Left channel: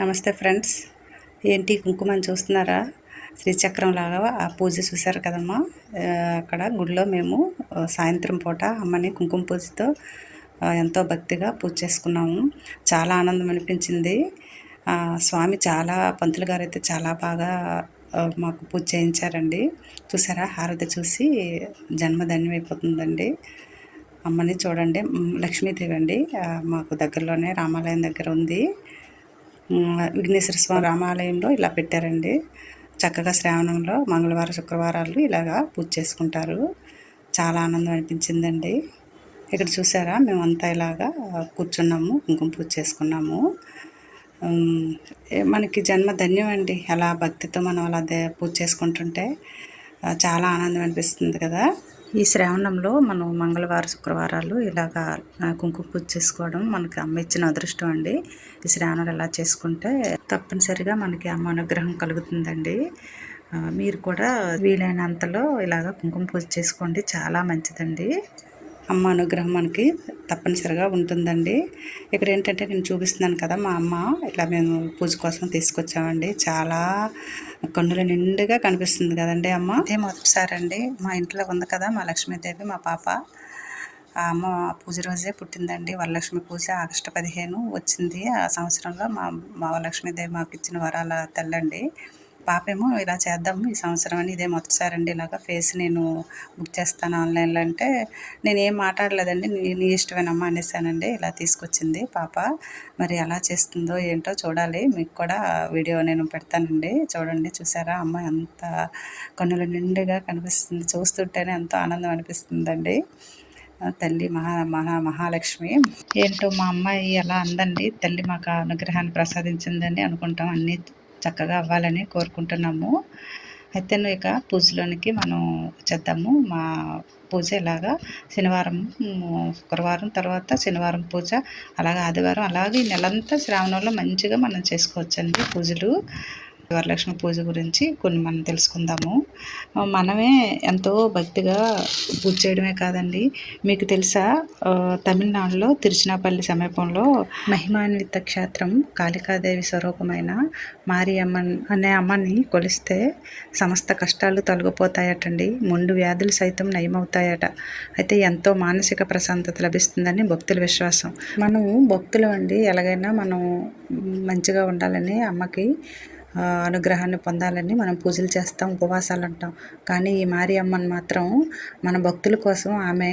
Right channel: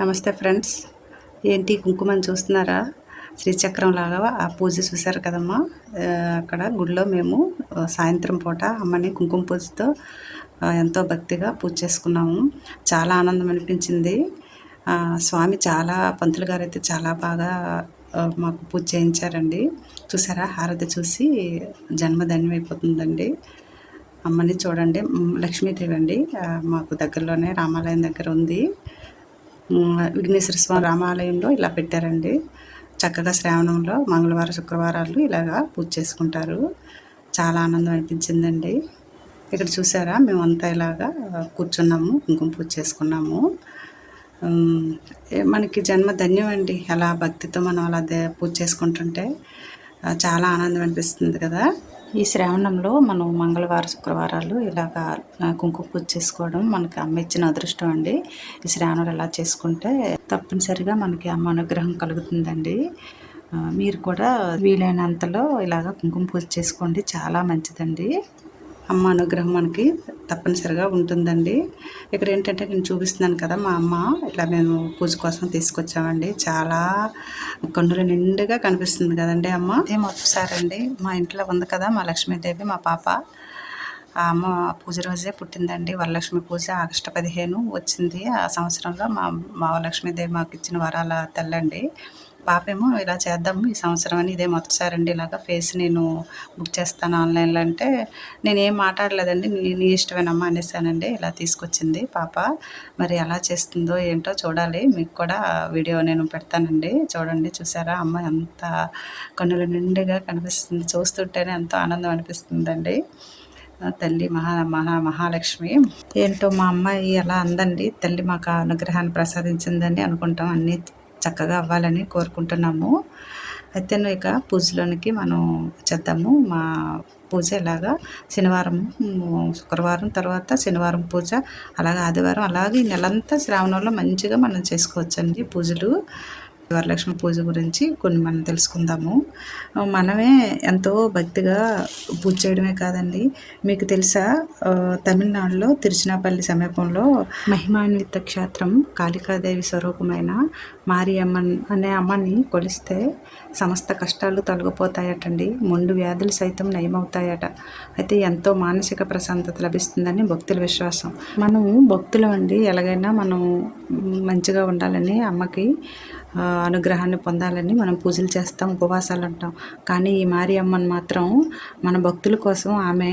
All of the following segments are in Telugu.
నమస్తే ఫ్రెండ్స్. ఏంటి కుంకుమని చూస్తున్నారా? శ్రీచక్రం లాగా ఆ పూజ చూశారు కదమ్మా. అక్కడ గుడిలో మేము సాయంత్రం పూట అమ్మని కుంకుమ పూజతో ఎంతో భక్తిగా పూజ చేసుకున్నాము. చాలా ఆనందం అనిపించింది. స్వామి చాలా పంతులు గారు అయితే చాలా బాగా మాకు పూజ చేయించారండి. చూసారా? హారతి చూసి జన్మ అయిపోతుందండి. అమ్మని చూడండి. లక్ష్మీదేవి అండి. మాకు దగ్గరలోనే రామాలయం దగ్గర ఉంది. విఘ్నేశ్వర స్వామి రామాలయంలో ఇలా పెట్టారండి. చక్కగా శ్రావణంలో మంగళవారం శుక్రవారాలు ఇలాగా పూజ చేసుకుంటారు. చాలా ఆనందం అనిపించిందండి. ఇక్కడ చూసారా మేమంతా ఇలాగా కూర్చున్నాము కుంకుమ పూజ చేసుకున్నాము. మనకి జన్మ ధన్యం అండి. అలా భక్తితో మనం అలా దే- పూజ చేసుకుంటుంటే చాలా ఆనందం అనిపిస్తుంది కదా. ఈ శ్రావణంలో మనం మంగళవారం శుక్రవారాలు ఇలాగా కుంకుమ పూజ చేసుకోవడం మనకి అమ్మ ఇచ్చిన అదృష్టం అండి. ఈ శ్రావణం ఎలా చేసుకుంటే తప్పనిసరిగా మనకి అమ్మ అనుగ్రహం కలుగుతుందండి. మీరు కూడా వీలైనంతలో ఇలాగ కుంకుమ పూజ చేసుకోండి. చాలా మంచిదండి. అమ్మ అనుగ్రహం మనకి తప్పనిసరిగా ఉంటుందండి. ఇక్కడ ఏంటంటే నేను చూపిస్తున్నాను కదా మా అమ్మ ఇట్లా మేము పూజ కోసం తీసుకొచ్చామండి. చాలా కన్నుల నిండుగా కనిపిస్తుంది కదండి అమ్మ? అదే మొదటిసారండి మా ఇంట్లో ఉంది కదా మా లక్ష్మీదేవి మా పాప. ఆ అమ్మ పూజ రోజే పుట్టిందండి. వరలక్ష్మి పూజ ఆగస్టు పదిహేను వచ్చింది. ఆ సంవత్సరంలో మా మా లక్ష్మీదేవి మాకు ఇచ్చిన వరాల తల్లండి. పాపేమో ఇలా చేద్దాము ఈ సంవత్సరం అని ఇదే మొదటిసారి అండి ఇలాగా ఫేస్ నేను బుక్ చేస్తాను ఆన్లైన్లో అంటే నేను ఏం మాట్లాడలేదండి నీ ఇష్టమేనమ్మా అనేసానండి. ఇలా తీసుకొచ్చింది పాప. మరి ఎలా చేస్తుందో ఏంటో చూడాలి. మీకు కూడా వీడియో నేను పెడతానండి. చూడండి చూసారా? అమ్మ ఎంత కన్నుల నిండుగా కనిపిస్తుంది. చూస్తుంటేనే ఎంతో ఆనందం అనిపిస్తుందండి. తల్లి మహా మహా మహాలక్ష్మి. ఏంటో మా అమ్మాయి ఎలా అందండి. తల్లి మాకు అనుగ్రహాన్ని ప్రసాదించిందని అనుకుంటాం అన్నీ చక్కగా అవ్వాలని కోరుకుంటున్నాము. అయితే ఇక పూజలోనికి మనం చేద్దాము. మా పూజ ఇలాగా శనివారం శుక్రవారం తర్వాత శనివారం పూజ అలాగే ఆదివారం అలాగే ఈ నెలంతా శ్రావణంలో మంచిగా మనం చేసుకోవచ్చండి పూజలు. వరలక్ష్మి పూజ గురించి కొన్ని మనం తెలుసుకుందాము. మనమే ఎంతో భక్తిగా పూజ చేయడమే కాదండి. మీకు తెలుసా? తమిళనాడులో తిరుచినాపల్లి సమీపంలో మహిమాన్విత క్షేత్రం కాళికాదేవి స్వరూపమైన మారియమ్మన్ అనే అమ్మని కొలిస్తే సమస్త కష్టాలు తొలగిపోతాయటండి. ముండు వ్యాధులు సైతం నయమవుతాయట. అయితే ఎంతో మానసిక ప్రశాంతత లభిస్తుందని భక్తుల విశ్వాసం. మనం భక్తులం అండి. ఎలాగైనా మనం మంచిగా ఉండాలని అమ్మకి అనుగ్రహాన్ని పొందాలని మనం పూజలు చేస్తాం ఉపవాసాలు అంటాం. కానీ ఈ మారి అమ్మని మాత్రం మన భక్తుల కోసం ఆమె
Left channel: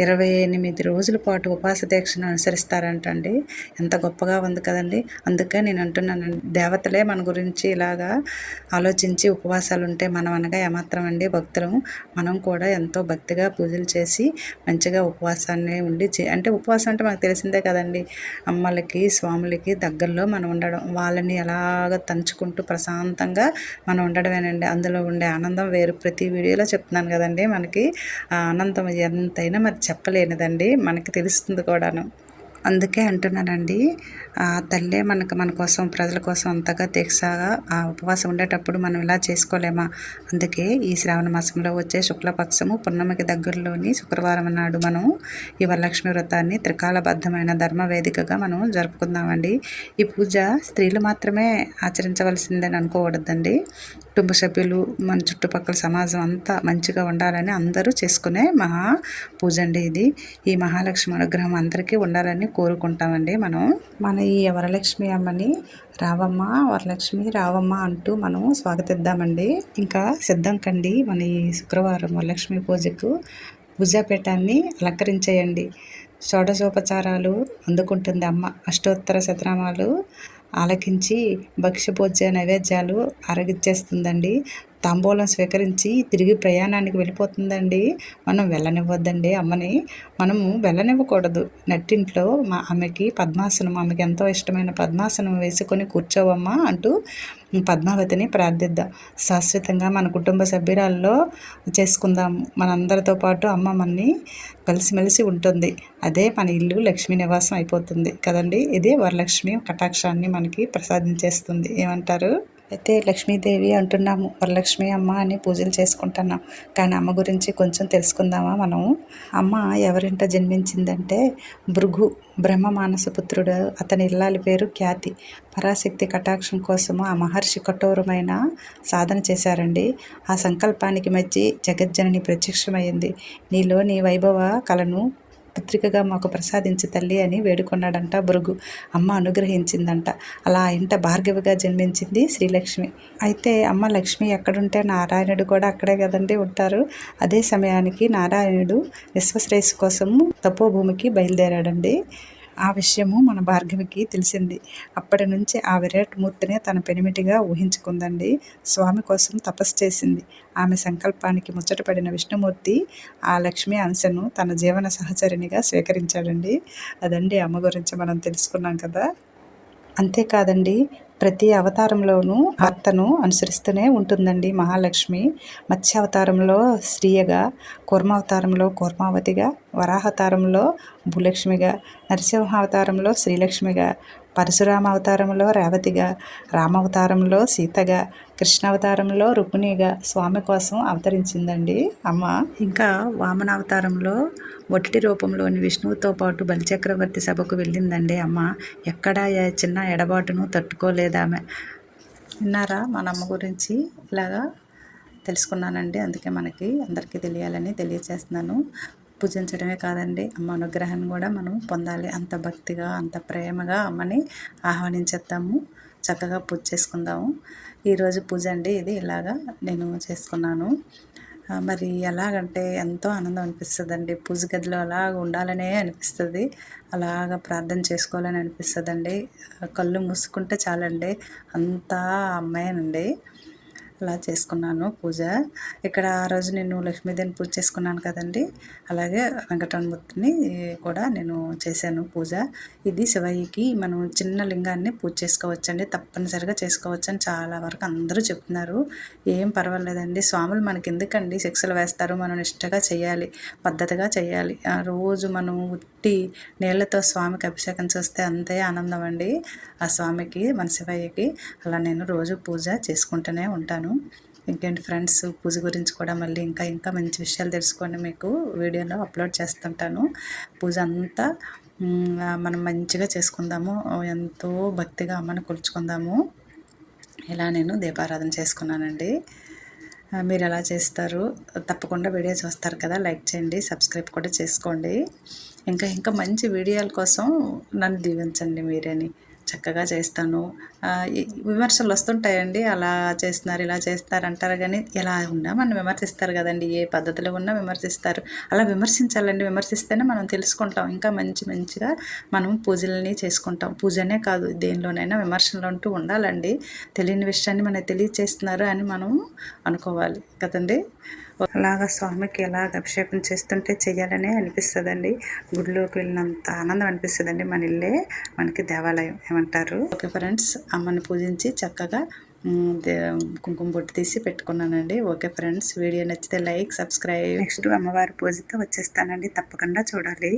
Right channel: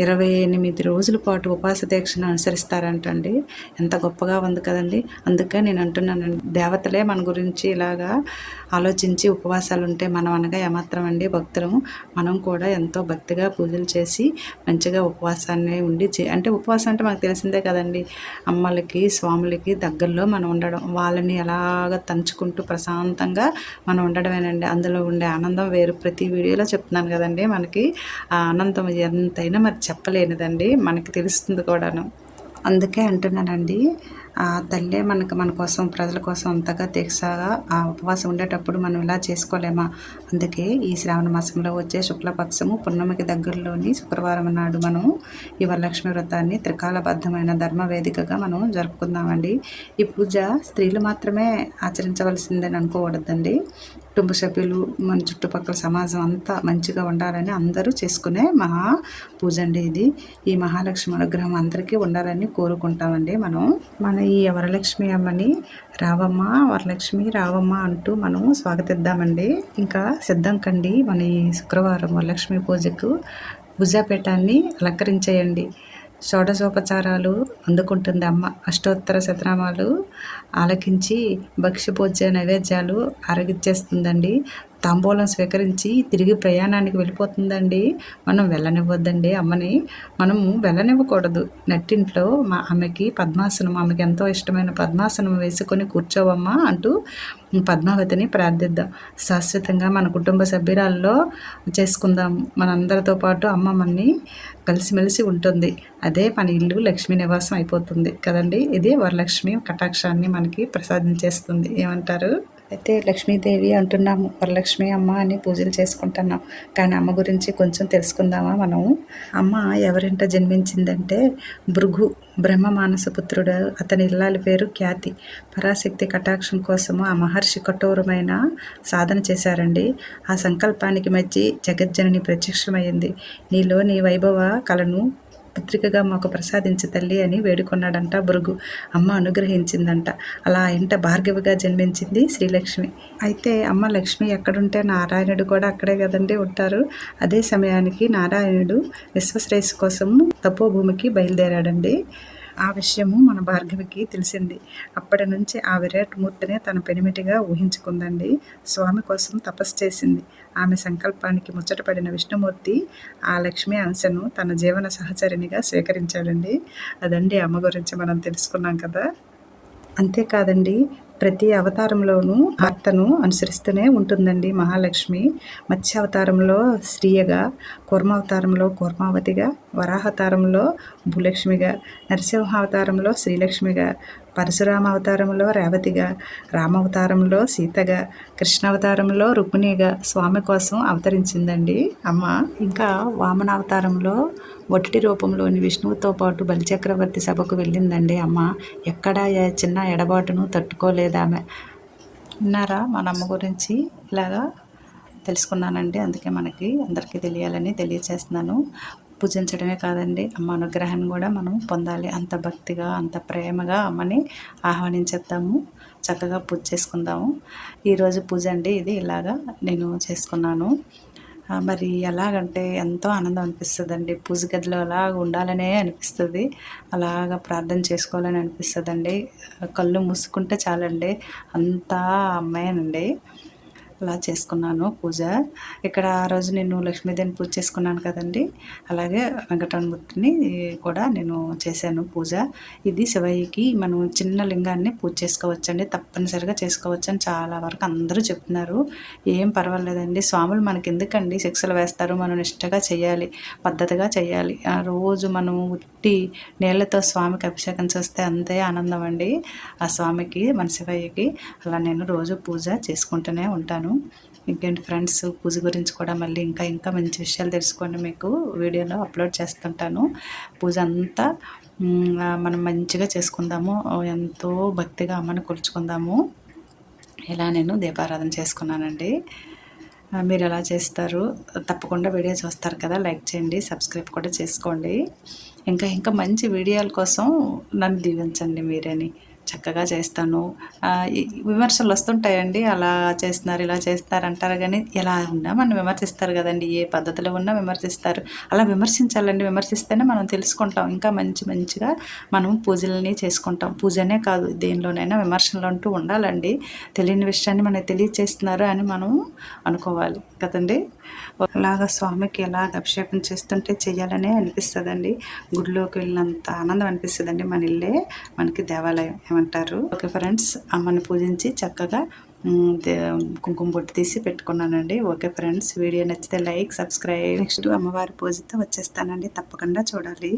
ఇరవై ఎనిమిది రోజుల పాటు ఉపవాస దీక్షను అనుసరిస్తారంటండి. ఎంత గొప్పగా ఉంది కదండి. అందుకే నేను అంటున్నాను దేవతలే మన గురించి ఇలాగా ఆలోచించి ఉపవాసాలు ఉంటే మనం అనగా ఏమాత్రం అండి భక్తులం మనం కూడా ఎంతో భక్తిగా పూజలు చేసి మంచిగా ఉపవాసాన్ని ఉండి చే- అంటే ఉపవాసం అంటే మనకు తెలిసిందే కదండి. అమ్మలకి స్వాములకి దగ్గరలో మనం ఉండడం వాళ్ళని ఎలాగ తంచుకుంటూ ప్రశాంతంగా మనం ఉండడమేనండి. అందులో ఉండే ఆనందం వేరు. ప్రతి వీడియోలో చెప్తున్నాను కదండి మనకి. ఆ ఆనందం ఎంతైనా మరి చెప్పలేనిదండి. మనకి తెలుస్తుంది కూడాను. అందుకే అంటున్నానండి ఆ తల్లే మనకు మన కోసం ప్రజల కోసం అంతగా తెగసాగా ఆ ఉపవాసం ఉండేటప్పుడు మనం ఇలా చేసుకోలేమా? అందుకే ఈ శ్రావణ మాసంలో వచ్చే శుక్లపక్షము పున్నమికి దగ్గరలోని శుక్రవారం నాడు మనం ఈ వరలక్ష్మి వ్రతాన్ని త్రికాలబద్ధమైన ధర్మ వేదికగా మనం జరుపుకుందామండి. ఈ పూజ స్త్రీలు మాత్రమే ఆచరించవలసిందని అనుకోకూడదండి కుటుంబ సభ్యులు మన చుట్టుపక్కల సమాజం అంతా మంచిగా ఉండాలని అందరూ చేసుకునే మహా పూజ అండి ఇది. ఈ మహాలక్ష్మి అనుగ్రహం అందరికీ ఉండాలని కోరుకుంటామండి మనం. మన ఈ వరలక్ష్మి అమ్మని రావమ్మ వరలక్ష్మి రావమ్మ అంటూ మనం స్వాగతిద్దామండి. ఇంకా సిద్ధం కండి మన ఈ శుక్రవారం వరలక్ష్మి పూజకు భుజాపీఠాన్ని అలంకరించేయండి. షోడశోపచారాలు అందుకుంటుంది అమ్మ. అష్టోత్తర శతనామాలు ఆలకించి భక్ష్యభోజ్య నైవేద్యాలు అరగిచ్చేస్తుందండి తాంబూలం స్వీకరించి తిరిగి ప్రయాణానికి వెళ్ళిపోతుందండి. మనం వెళ్ళనివ్వద్దండి అమ్మని. మనము వెళ్ళనివ్వకూడదు. నట్టింట్లో మా ఆమెకి పద్మాసనం ఆమెకి ఎంతో ఇష్టమైన పద్మాసనం వేసుకొని కూర్చోవమ్మా అంటూ పద్మావతిని ప్రార్థిద్దాం. శాశ్వతంగా మన కుటుంబ సభ్యురాల్లో చేసుకుందాం. మనందరితో పాటు అమ్మ మనని కలిసిమెలిసి ఉంటుంది. అదే మన ఇల్లు లక్ష్మీ నివాసం అయిపోతుంది కదండి. ఇది వరలక్ష్మి కటాక్షాన్ని మనకి ప్రసాదించేస్తుంది ఏమంటారు? అయితే లక్ష్మీదేవి అంటున్నాము వరలక్ష్మి అమ్మ అని పూజలు చేసుకుంటున్నాం. కానీ అమ్మ గురించి కొంచెం తెలుసుకుందామా మనము? అమ్మ ఎవరింట జన్మించిందంటే భృగు బ్రహ్మ మానసపుత్రుడు అతని ఇల్లాలి పేరు ఖ్యాతి. పరాశక్తి కటాక్షం కోసము ఆ మహర్షి కఠోరమైన సాధన చేశారండి. ఆ సంకల్పానికి మెచ్చి జగజ్జనని ప్రత్యక్షమైంది నీలోని వైభవ కళను పుత్రికగా మాకు ప్రసాదించి తల్లి అని వేడుకున్నాడంట భృగు అమ్మ అనుగ్రహించిందంట. అలా ఇంట భార్గవిగా జన్మించింది శ్రీలక్ష్మి. అయితే అమ్మ లక్ష్మి ఎక్కడుంటే నారాయణుడు కూడా అక్కడే కదండి ఉంటారు. అదే సమయానికి నారాయణుడు విశ్వశ్రేయస్సు కోసం తపోభూమికి బయలుదేరాడండి. ఆ విషయము మన భార్గవికి తెలిసింది. అప్పటి నుంచి ఆ విరాట్మూర్తినే తన పెనిమిటిగా ఊహించుకుందండి. స్వామి కోసం తపస్సు చేసింది. ఆమె సంకల్పానికి ముచ్చటపడిన విష్ణుమూర్తి ఆ లక్ష్మీ అంశను తన జీవన సహచరినిగా స్వీకరించాడండి. అదండి అమ్మ గురించి మనం తెలుసుకున్నాం కదా. అంతేకాదండి ప్రతి అవతారంలోనూ భర్తను అనుసరిస్తూనే ఉంటుందండి మహాలక్ష్మి. మత్స్య అవతారంలో శ్రీయగా కూర్మావతారంలో కూర్మావతిగా వరాహతారంలో భూలక్ష్మిగా నరసింహావతారంలో శ్రీలక్ష్మిగా పరశురామ అవతారంలో రేవతిగా రామావతారంలో సీతగా కృష్ణావతారంలో రుక్మిణిగా స్వామి కోసం అవతరించిందండి. అమ్మ ఇంకా వామనావతారంలో మొదటి రూపంలోని విష్ణువుతో పాటు బలిచక్రవర్తి సభకు వెళ్ళిందండి అమ్మ. ఎక్కడ చిన్న ఎడబాటును తట్టుకోలేదామె. విన్నారా? మన అమ్మ గురించి ఇలాగా తెలుసుకున్నానండి. అందుకే మనకి అందరికీ తెలియాలని తెలియచేస్తున్నాను. పూజించడమే కాదండి. అమ్మ అనుగ్రహాన్ని కూడా మనం పొందాలి. అంత భక్తిగా అంత ప్రేమగా అమ్మని ఆహ్వానించేద్దాము. చక్కగా పూజ చేసుకుందాము. ఈరోజు పూజ అండి ఇది. ఇలాగా నేను చేసుకున్నాను. మరి ఎలాగంటే ఎంతో ఆనందం అనిపిస్తుంది అండి పూజ గదిలో అలా ఉండాలనే అనిపిస్తుంది. అలాగ ప్రార్థన చేసుకోవాలని అనిపిస్తుంది కళ్ళు మూసుకుంటే చాలండి. అంతా అమ్మాయినండి. అలా చేసుకున్నాను పూజ. ఇక్కడ ఆ రోజు నేను లక్ష్మీదేవిని పూజ చేసుకున్నాను కదండి. అలాగే వెంకటరమూర్తిని కూడా నేను చేశాను పూజ. ఇది శివయ్యకి మనం చిన్న లింగాన్ని పూజ చేసుకోవచ్చండి. తప్పనిసరిగా చేసుకోవచ్చని చాలా వరకు అందరూ చెప్తున్నారు. ఏం పర్వాలేదండి. స్వాములు మనకి ఎందుకండి శిక్షలు వేస్తారు? మనం నిష్టగా చేయాలి పద్ధతిగా చేయాలి. ఆ రోజు మనం ఉట్టి నీళ్ళతో స్వామికి అభిషేకం చేస్తే అంతే ఆనందం అండి. ఆ స్వామికి మన శివయ్యకి అలా నేను రోజు పూజ చేసుకుంటూనే ఉంటాను. ఇంకేంటి ఫ్రెండ్స్ పూజ గురించి కూడా మళ్ళీ ఇంకా ఇంకా మంచి విషయాలు తెలుసుకోండి మీకు. వీడియోలో అప్లోడ్ చేస్తుంటాను. పూజ అంతా మనం మంచిగా చేసుకుందాము. ఎంతో భక్తిగా అమ్మని కొలుచుకుందాము. ఇలా నేను దీపారాధన చేసుకున్నానండి. మీరు ఎలా చేస్తారు? తప్పకుండా వీడియో చూస్తారు కదా. లైక్ చేయండి సబ్స్క్రైబ్ కూడా చేసుకోండి. ఇంకా ఇంకా మంచి వీడియోల కోసం నన్ను దీవించండి మీరని. చక్కగా చేస్తాను. విమర్శలు వస్తుంటాయండి. అలా చేస్తున్నారు ఇలా చేస్తారు అంటారు. కానీ ఎలా ఉన్నా మనం విమర్శిస్తారు కదండి. ఏ పద్ధతిలో ఉన్నా విమర్శిస్తారు. అలా విమర్శించాలండి. విమర్శిస్తేనే మనం తెలుసుకుంటాం. ఇంకా మంచి మంచిగా మనం పూజలని చేసుకుంటాం. పూజనే కాదు దేనిలోనైనా విమర్శలు అంటూ ఉండాలండి. తెలియని విషయాన్ని మనకి తెలియచేస్తున్నారు అని మనం అనుకోవాలి కదండి. అలాగా స్వామికి ఎలాగ అభిషేకం చేస్తుంటే చెయ్యాలనే అనిపిస్తుందండి. గుడిలోకి వెళ్ళినంత ఆనందం అనిపిస్తుందండి మన ఇల్లే మనకి దేవాలయం ఏమంటారు. ఓకే ఫ్రెండ్స్ అమ్మని పూజించి చక్కగా కుంకుమ బొట్టు తీసి పెట్టుకున్నానండి. ఓకే ఫ్రెండ్స్ వీడియో నచ్చితే లైక్ సబ్స్క్రైబ్. నెక్స్ట్ అమ్మవారి పూజతో వచ్చేస్తానండి. తప్పకుండా చూడాలి.